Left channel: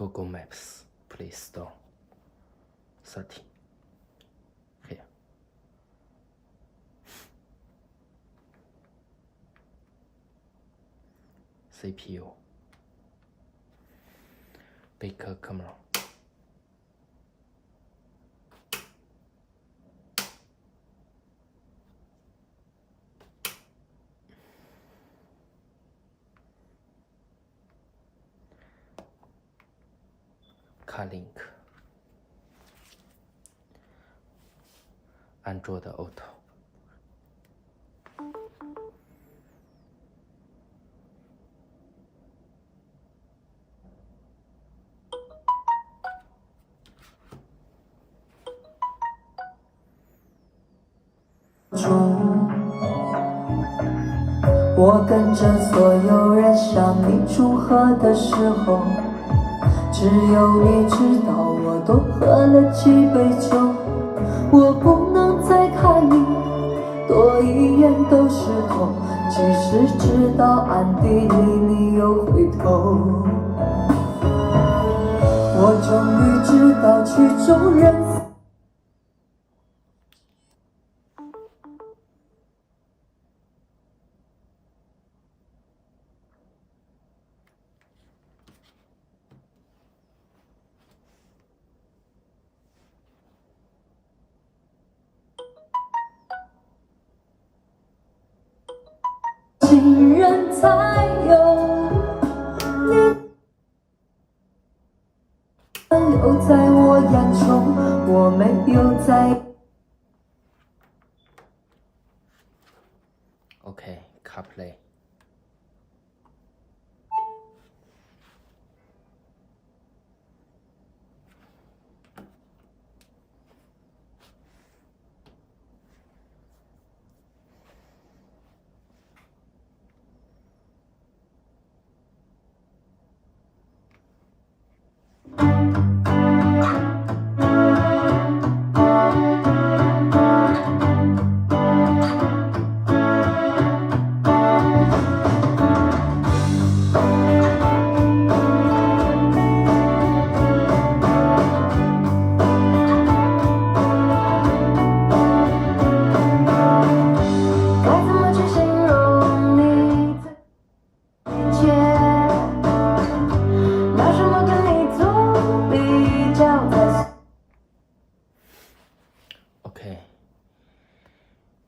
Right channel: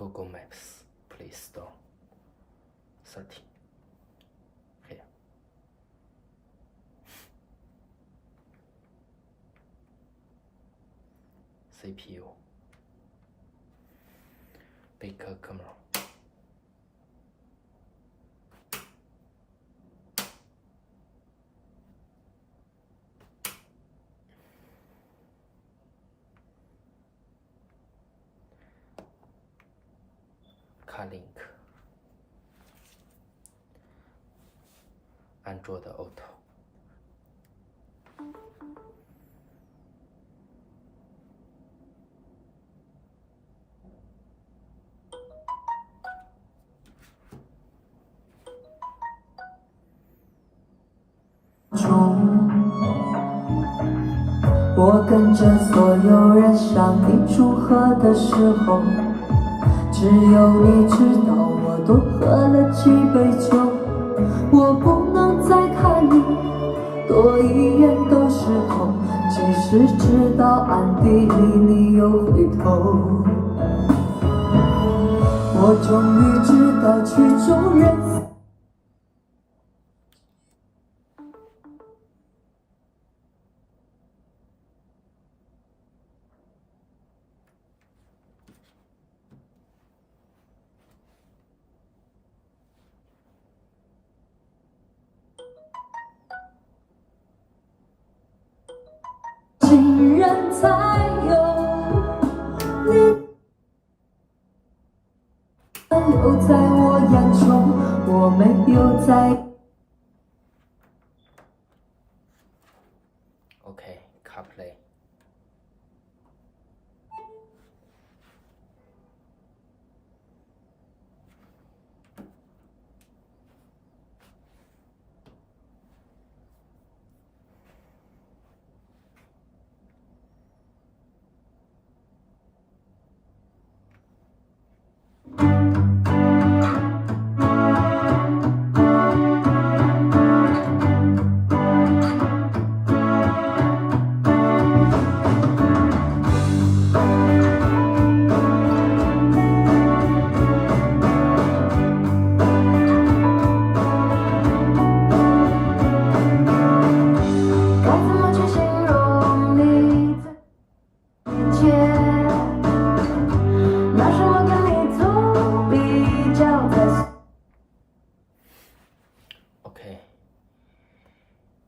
Google Maps, Play Store, 30. Here. CPU, Baker camera. Link Android Auto.我跟着所有人向你祝贺的时候，只有你知道我多喝了几杯酒。我不能再看你多一眼都是痛，即使知道暗地里你又回头。我终于知道曲终人散。情人才有你留在我眼中，我没有在。OK, CarPlay.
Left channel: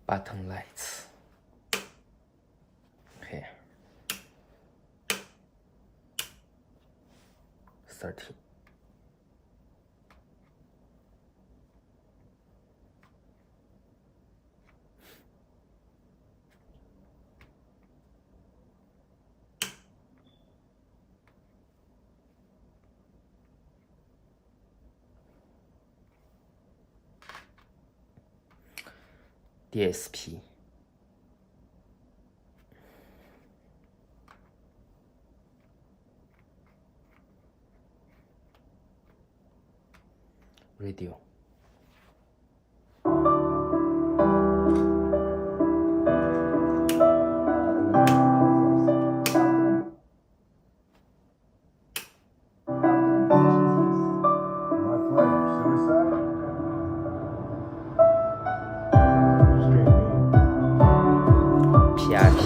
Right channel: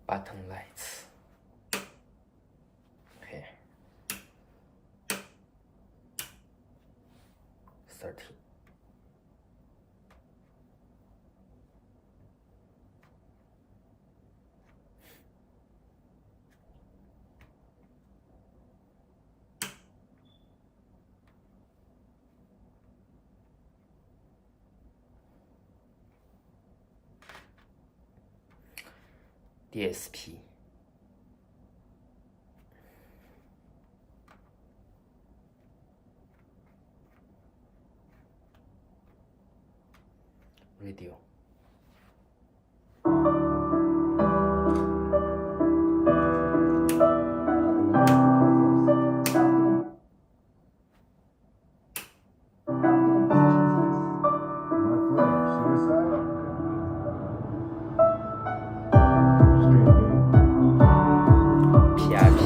Button lights. Here. 30. DSP. Radio. PIP.